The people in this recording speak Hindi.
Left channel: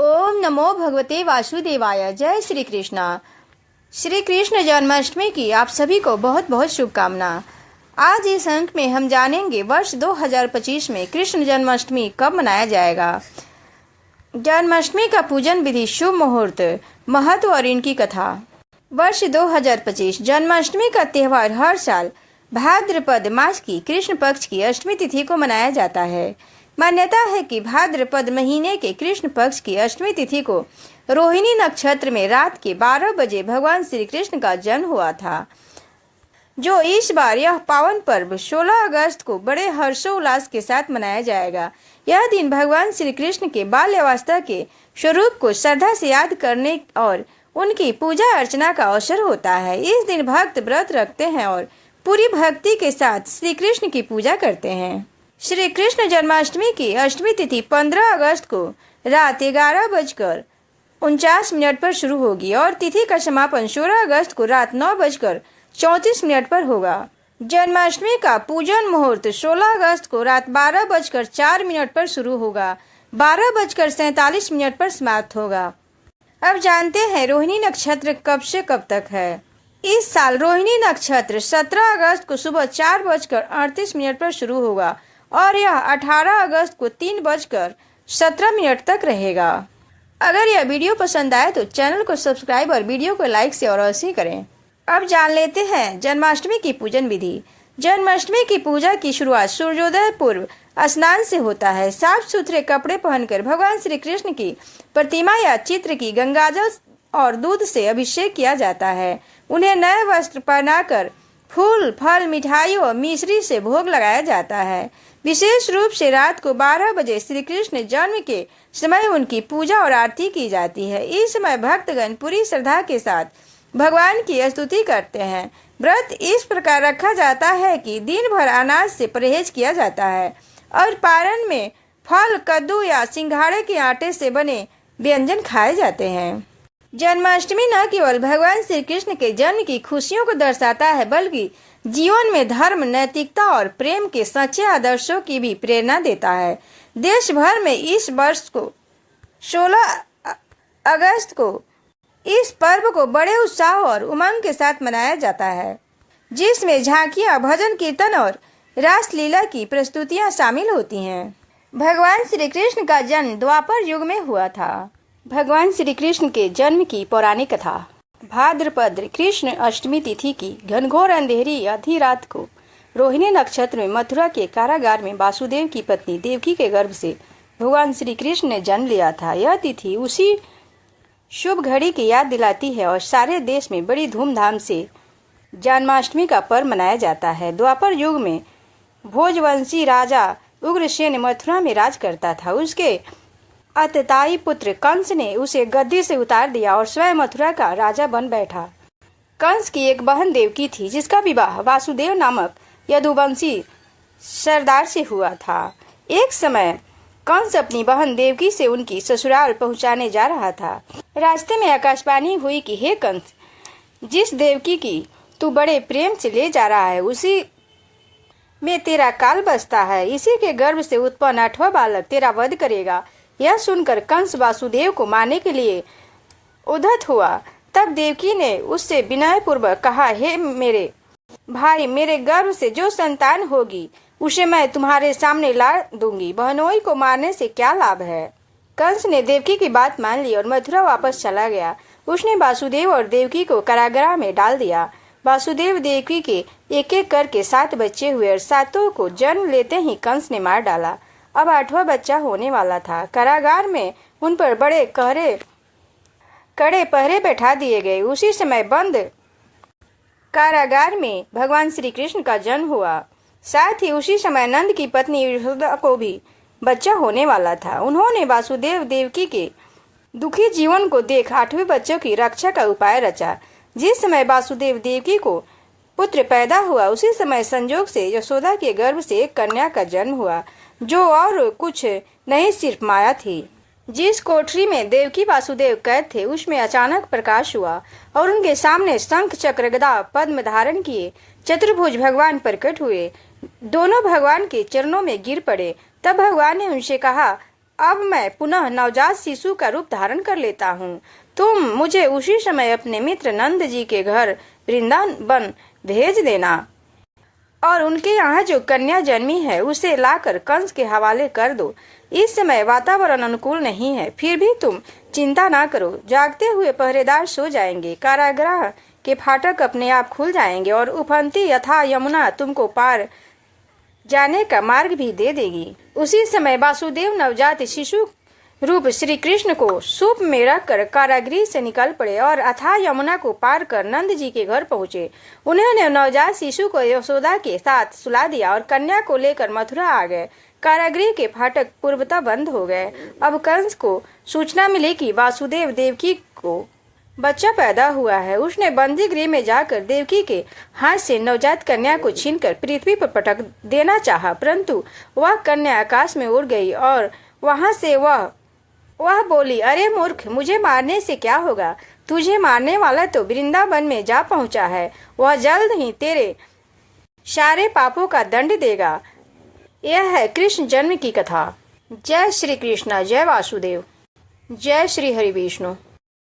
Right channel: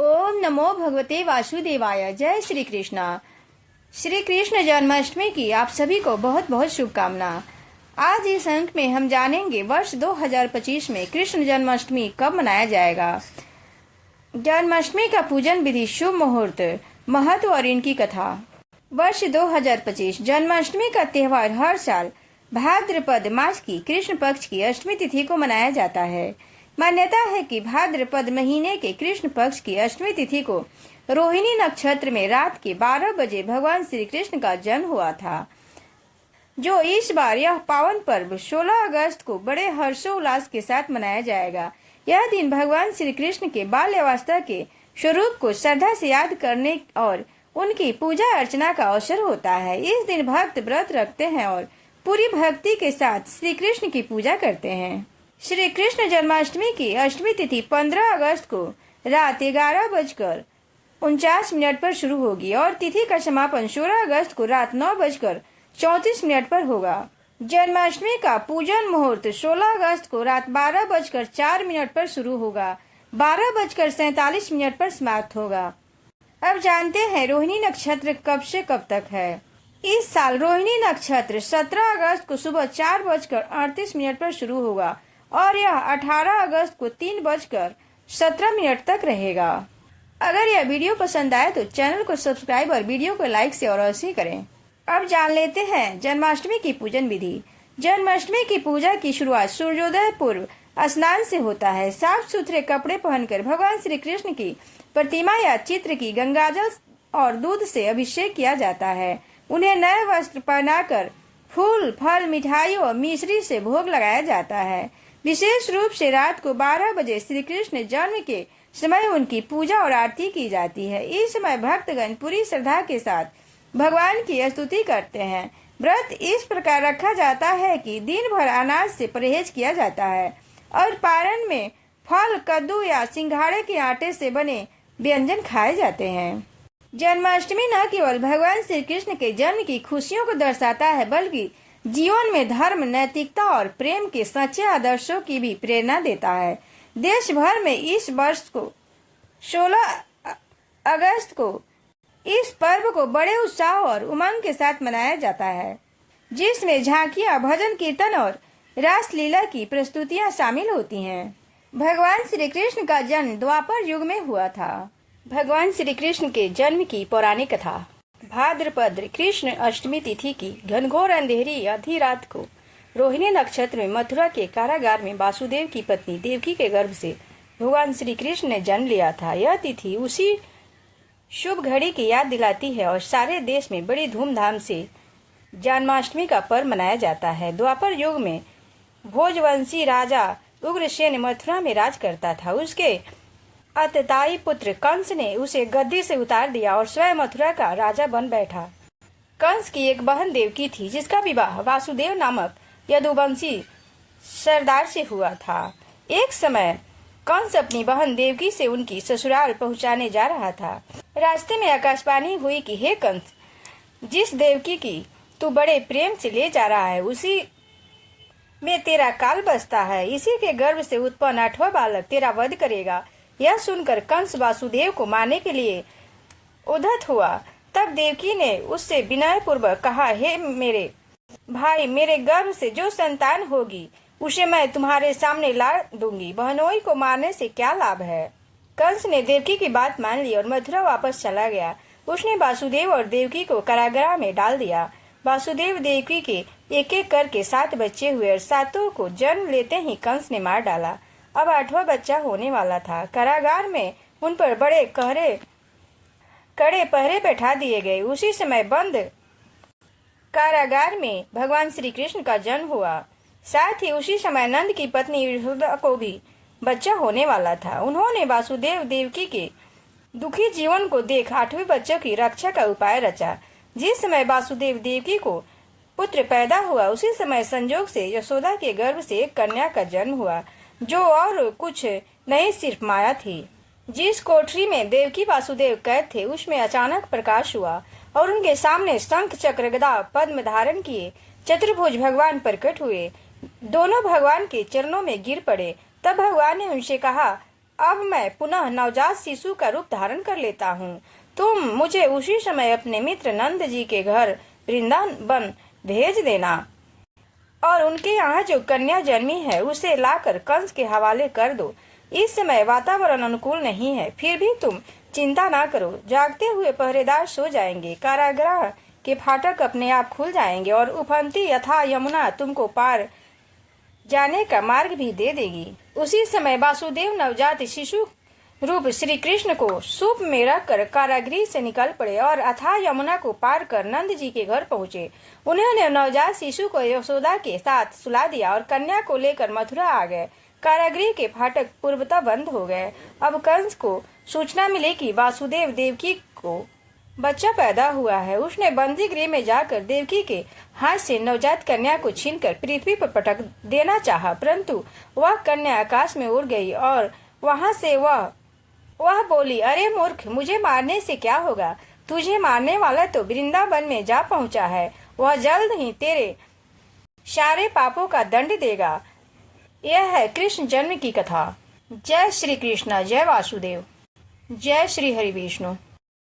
ओम नमो भगवते वासुदेवाय। जय श्री कृष्णा। श्री कृष्ण जन्माष्टमी की आप सभी को बहुत बहुत शुभकामना। आज इस अंक में हम जानेंगे वर्ष 2025 में कृष्ण जन्माष्टमी कब मनाया जाएगा, जन्माष्टमी का पूजन विधि, शुभ मुहूर्त, महत्व और इनकी कथा। वर्ष 2025 जन्माष्टमी का त्यौहार हर साल भाद्रपद मास की कृष्ण पक्ष की अष्टमी तिथि को मनाया जाता है। मान्यता है कि भाद्रपद महीने के कृष्ण पक्ष की अष्टमी तिथि को रोहिणी नक्षत्र में रात के 12 बजे भगवान श्री कृष्ण का जन्म हुआ था। जो इस बार यह पावन पर्व 16 अगस्त को बड़े हर्षोल्लास के साथ मनाया जाएगा। यह दिन भगवान श्री कृष्ण के बाल्यावस्था के स्वरूप को श्रद्धा से याद करने और उनकी पूजा अर्चना का अवसर होता है। इस दिन भक्त व्रत रखते हैं और पूरी भक्ति के साथ श्री कृष्ण की पूजा करते हैं। श्री कृष्ण जन्माष्टमी की अष्टमी तिथि 15 अगस्त को रात 11:49 पर शुरू होगी और तिथि का समापन 16 अगस्त को रात 9:34 पर होगा। जन्माष्टमी का पूजन मुहूर्त 16 अगस्त को रात 12:04 पर शुरू होगा, 12:47 पर समाप्त होगा। अब जानते हैं रोहिणी नक्षत्र कब से कब तक है। इस साल रोहिणी नक्षत्र 17 अगस्त को सुबह 4:38 पर शुरू होगा और यह 18 अगस्त को 3:17 तक रहेगा। अगर यह वीडियो पसंद आए तो चैनल को सब्सक्राइब और वीडियो को लाइक से और अवश्य करें। अब जान लेते हैं जन्माष्टमी की पूजन विधि। जन्माष्टमी की पूजा की शुरुआत सूर्योदय पूर्व स्नान से होता है। साफ सुथरे कपड़े पहनकर भगवान श्री कृष्ण की प्रतिमा या चित्र की गंगाजल और दूध से अभिषेक किया जाता है। उन्हें नए वस्त्र पहनाकर फूल, फल, मिठाई और मिश्री से भोग लगाया जाता है। विशेष रूप से रात को 12 बजे श्री कृष्ण जन्म के समय उनकी पूजा और आरती की जाती है। इस समय भक्तगण पूरी श्रद्धा के साथ भगवान की स्तुति करते हैं। व्रत इस प्रकार रखा जाता है कि दिन भर अनाज से परहेज किया जाता है और पारण में फल, कद्दू या सिंघाड़े के आटे से बने व्यंजन खाए जाते हैं। जन्माष्टमी न केवल भगवान श्री कृष्ण के जन्म की खुशियों को दर्शाता है, बल्कि जीवन में धर्म, नैतिकता और प्रेम के सच्चे आदर्शों की भी प्रेरणा देता है। देश भर में इस वर्ष को 16 अगस्त को इस पर्व को बड़े उत्साह और उमंग के साथ मनाया जाता है, जिसमें झांकियां, भजन कीर्तन और रासलीला की प्रस्तुतियां शामिल होती हैं। भगवान श्री कृष्ण का जन्म द्वापर युग में हुआ था। भगवान श्री कृष्ण के जन्म की पौराणिक कथा। भाद्रपद कृष्ण अष्टमी तिथि की घनघोर अंधेरी आधी रात को रोहिणी नक्षत्र में मथुरा के कारागार में वासुदेव की पत्नी देवकी के गर्भ से भगवान श्री कृष्ण ने जन्म लिया था। यह तिथि उसी शुभ घड़ी की याद दिलाती है और सारे देश में बड़ी धूमधाम से जन्माष्टमी का पर्व मनाया जाता है। द्वापर युग में भोजवंशी राजा उग्रसेन मथुरा में राज करता था। उसके अतताई पुत्र कंस ने उसे गद्दी से उतार दिया और स्वयं मथुरा का राजा बन बैठा। कंस की एक बहन देवकी थी, जिसका विवाह वासुदेव नामक यदुवंशी सरदार से हुआ था। एक समय कंस अपनी बहन देवकी से उनकी ससुराल पहुंचाने जा रहा था। रास्ते में आकाशवाणी हुई कि हे कंस, जिस देवकी की तू बड़े प्रेम से ले जा रहा है, उसी में तेरा काल बसता है। इसी के गर्भ से उत्पन्न 8वां बालक तेरा वध करेगा। यह सुनकर कंस वासुदेव को मारने के लिए उद्यत हुआ। तब देवकी ने उससे विनय पूर्वक कहा, हे मेरे भाई, मेरे गर्भ से जो संतान होगी उसे मैं तुम्हारे सामने ला दूंगी। बहनोई को मारने से क्या लाभ है। कंस ने देवकी की बात मान ली और मथुरा वापस चला गया। उसने वासुदेव और देवकी को कारागृह में डाल दिया। वासुदेव देवकी के एक एक करके 7 बच्चे हुए और सातों को जन्म लेते ही कंस ने मार डाला। अब 8वां बच्चा होने वाला था। कारागार में उन पर बड़े कड़े पहरे बैठा दिए गए। उसी समय बंद कारागार में भगवान श्री कृष्ण का जन्म हुआ। साथ ही उसी समय नंद की पत्नी यशोदा को भी बच्चा होने वाला था। उन्होंने वासुदेव देवकी के दुखी जीवन को देख 8वें बच्चों की रक्षा का उपाय रचा। जिस समय वासुदेव देवकी को पुत्र पैदा हुआ, उसी समय संजोग से यशोदा के गर्भ से एक कन्या का जन्म हुआ, जो और कुछ नहीं सिर्फ माया थी। जिस कोठरी में देवकी वासुदेव कैद थे, उसमें अचानक प्रकाश हुआ और उनके सामने शंख, चक्र, गदा, पद्म धारण किए चतुर्भुज भगवान प्रकट हुए। दोनों भगवान के चरणों में गिर पड़े। तब भगवान ने उनसे कहा, अब मैं पुनः नवजात शिशु का रूप धारण कर लेता हूँ। तुम मुझे उसी समय अपने मित्र नंद जी के घर वृंदावन भेज देना और उनके यहाँ जो कन्या जन्मी है उसे लाकर कंस के हवाले कर दो। इस समय वातावरण अनुकूल नहीं है, फिर भी तुम चिंता ना करो। जागते हुए पहरेदार सो जाएंगे, कारागृह के फाटक अपने आप खुल जाएंगे और उफनती यथा यमुना तुमको पार जाने का मार्ग भी दे देगी। उसी समय वासुदेव नवजात शिशु रूप श्री कृष्ण को सूप में रखकर कारागृह से निकल पड़े और अथाह यमुना को पार कर नंद जी के घर पहुँचे। उन्होंने नवजात शिशु को यशोदा के साथ सुला दिया और कन्या को लेकर मथुरा आ गए। कारागृह के फाटक पूर्वतः बंद हो गए। अब कंस को सूचना मिली कि वासुदेव देवकी को बच्चा पैदा हुआ है। उसने बंदी गृह में जाकर देवकी के हाथ से नवजात कन्या को छीनकर पृथ्वी पर पटक देना चाहा, परंतु वह कन्या आकाश में उड़ गई और वहां से वह बोली, अरे मूर्ख, मुझे मारने से क्या होगा? तुझे मारने वाला तो वृंदावन में जा पहुंचा है। वह जल्द ही तेरे सारे पापों का दंड देगा। यह है कृष्ण जन्म की कथा। जय श्री कृष्ण, जय वासुदेव, जय श्री हरि विष्णु।